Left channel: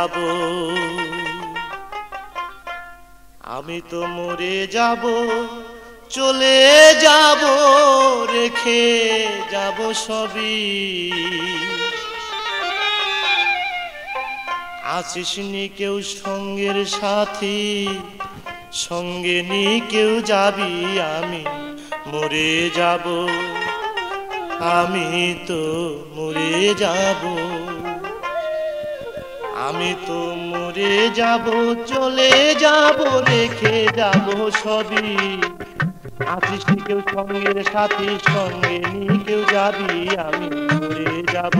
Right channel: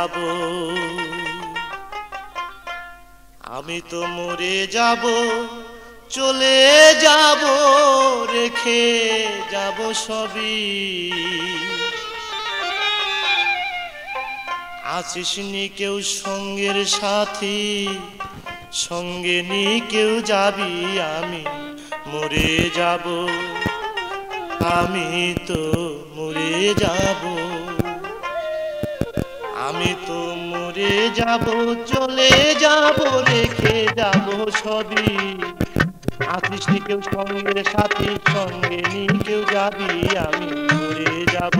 যাব, আমি তো মরে যাব, চলে যাব, রেখে যাব সবই। আছিস নি কেউ সঙ্গের সাথী, সঙ্গে নি কেউ যাবি, আমি মরে যাব, আমি তো মরে যাব, আমি তো মরে যাব, চলে যাব, রেখে যাব সবই। আছিস নি কেউ সঙ্গের সাথী, সঙ্গে নি কেউ যাবি, আমি মরে যাব,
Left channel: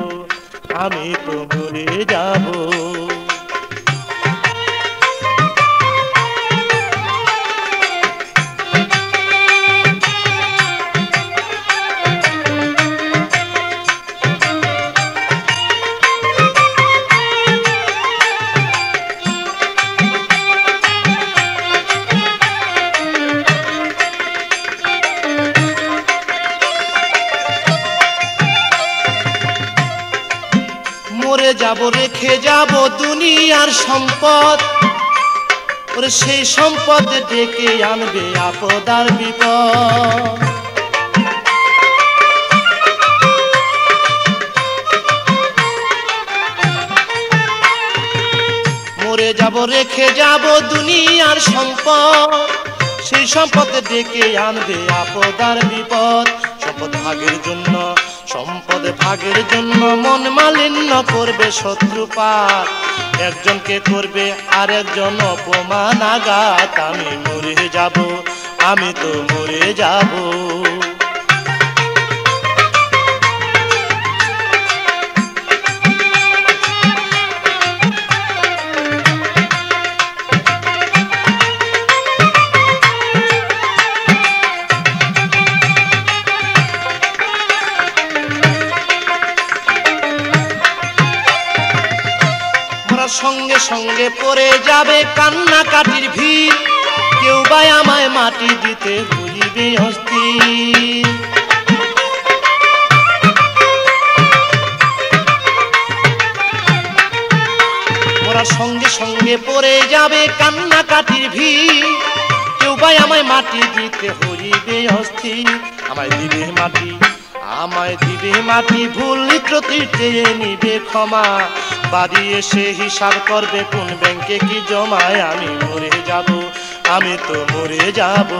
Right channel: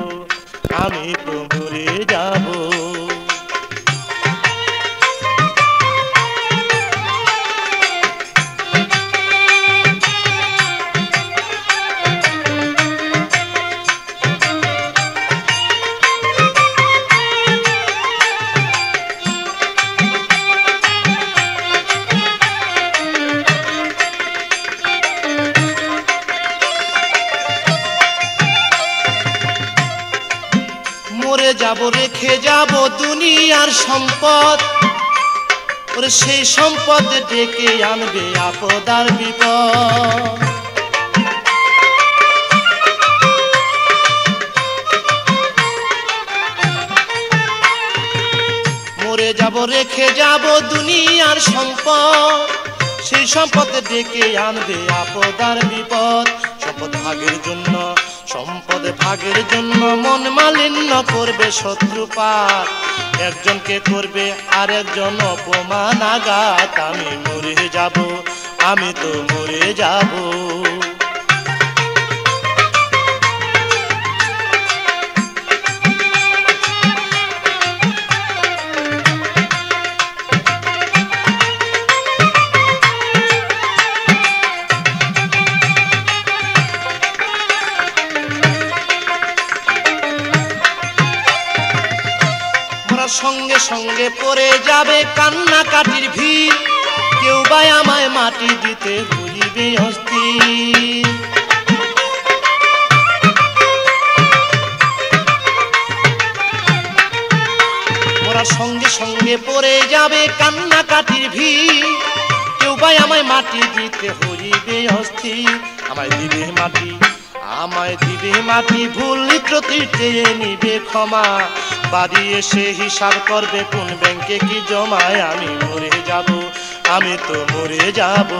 আমি তো মরে যাব। মরে যাব, রেখে যাব দুনিয়ার সম্পদ, ওরে সেই সম্পদ ডেকে আনবে আপদ আর বিপদ। মরে যাব, রেখে যাব দুনিয়ার সম্পদ, সেই সম্পদ ডেকে আনবে আপদ আর বিপদ। সম্পদ ভাগের জন্য, সম্পদ ভাগের জন্য মন মালিন্য করবে শত্রুপাত, একজনকে করবে আর একজন অপমান আঘাত। আমি মরে যাব, আমি তো মরে যাব। সঙ্গে সঙ্গে পড়ে যাবে কান্নাকাটির ভিড়, কেউ বা আমায় মাটি দিতে হইবে অস্থির। মোরা সঙ্গে সঙ্গে পড়ে যাবে কান্নাকাটির ভিড়, কেউ বা আমায় মাটি দিতে হইবে অস্থির। আমায় দিবে মাটি, আমায় দিবে মাটি, ভুল ত্রুটি চেয়ে নিবে ক্ষমা, বাড়ি এসে হিসাব করবে কোন ব্যাংকে কি জমায়। আমি মরে যাব, আমি তো মরে যাব।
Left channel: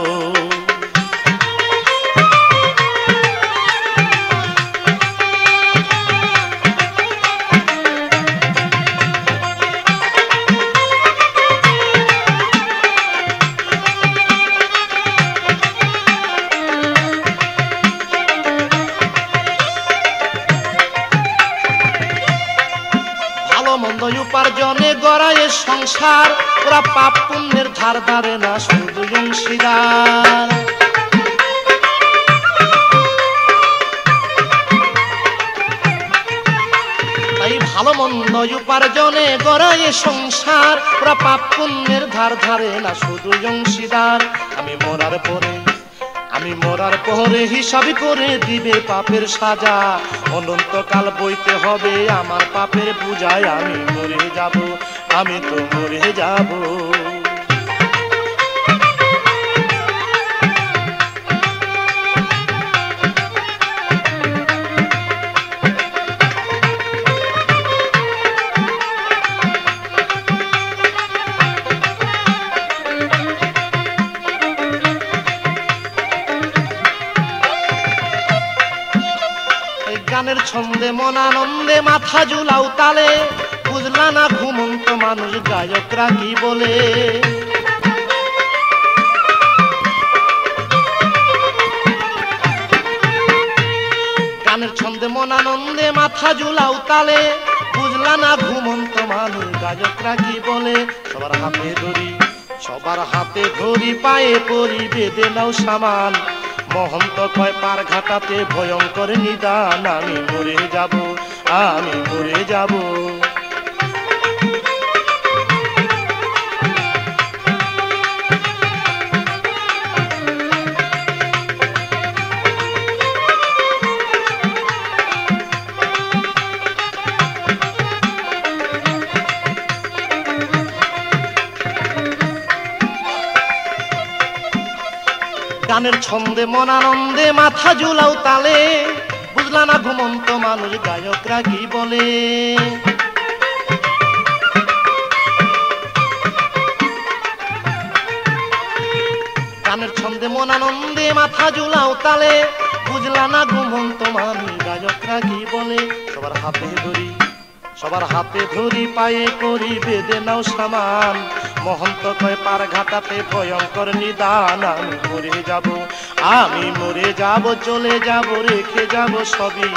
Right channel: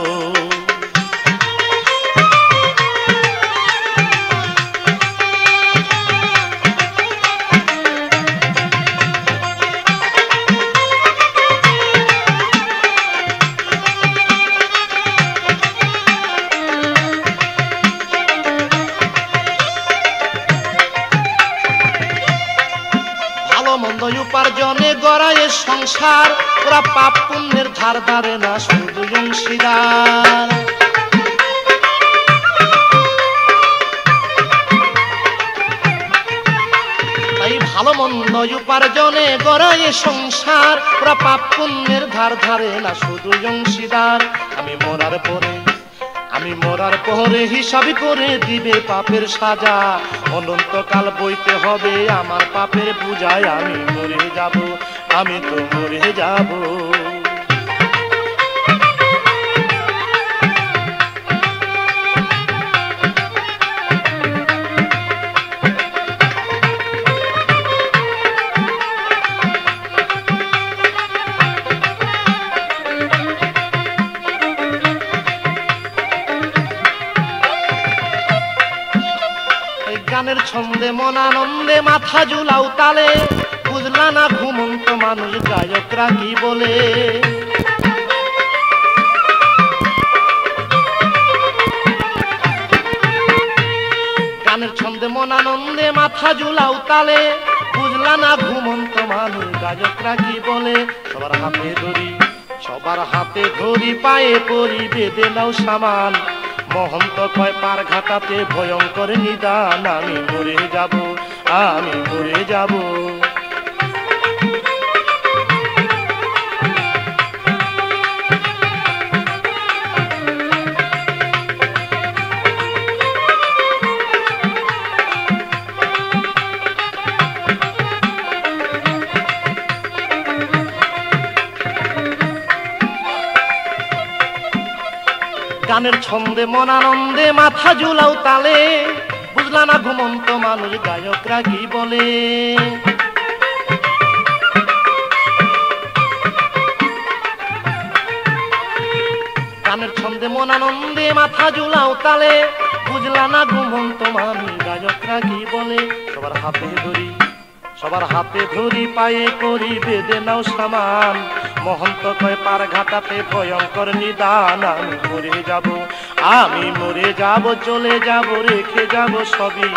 মন্দ উপার্জনে গড়ায় সংসার, ওরা পাপ পুণ্যের ধার ধারে না, শুধু অংশীদার। তাই ভালো মন্দ উপার্জনে গড়ায় সংসার, ওরা পাপ পুণ্যের ধার ধারে না, শুধু অংশীদার। আমি মরার পরে, আমি মরার পরে হিসাব করে দিবে পাপের সাজা, অনন্তকাল বইতে হবে আমার পাপের পূজায়। আমি মরে যাব, আমি তো মরে যাব। গানের ছন্দে মন আনন্দে মাথা ঝুলাও তালে, বুঝলা না ঘুমন্ত মানুষ গায়করা কি বলে। গানের ছন্দে মন আনন্দে মাথা ঝুলাও তালে, বুঝলা না ঘুমন্ত মানুষ গায়করা কি বলে। সবার হাতে ধরি, সবার হাতে ধরি, পায়ে পরি বেঁধে নাও সামান, মহন্ত কয় পার ঘাটাতে ভয়ঙ্কর নিদান। আমি মরে যাব, আমি মরে যাব। গানের ছন্দে মন আনন্দে মাথা ঝুলাও তালে, বুঝলা না ঘুমন্ত মানুষ গায়করা কি বলে। গানের ছন্দে মন আনন্দে মাথা ঝুলাও তালে, বুঝলা না ঘুমন্ত মানুষ গায়করা কি বলে। সবার হাতে ধরি পায়ে করি বেঁধে নাও সামান, মহন্ত কয় পার ঘাটাতে ভয়ঙ্কর নিদান। আমি মরে যাব চলে যাব রেখে যাব সবই,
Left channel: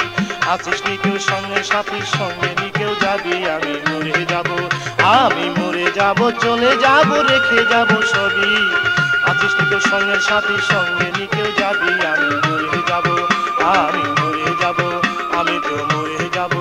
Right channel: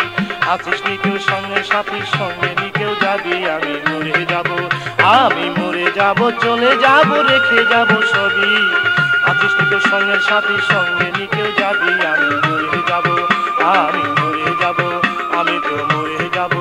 আছিস নি কেউ সঙ্গে সাথীর সঙ্গে নি কেউ যাবি। আমি মরে যাব চলে যাব রেখে যাব সবই, আছিস নি কেউ সঙ্গে সাথীর সঙ্গে নি কেউ যাবি। আমি মরে যাব আমি তো মরে যাব।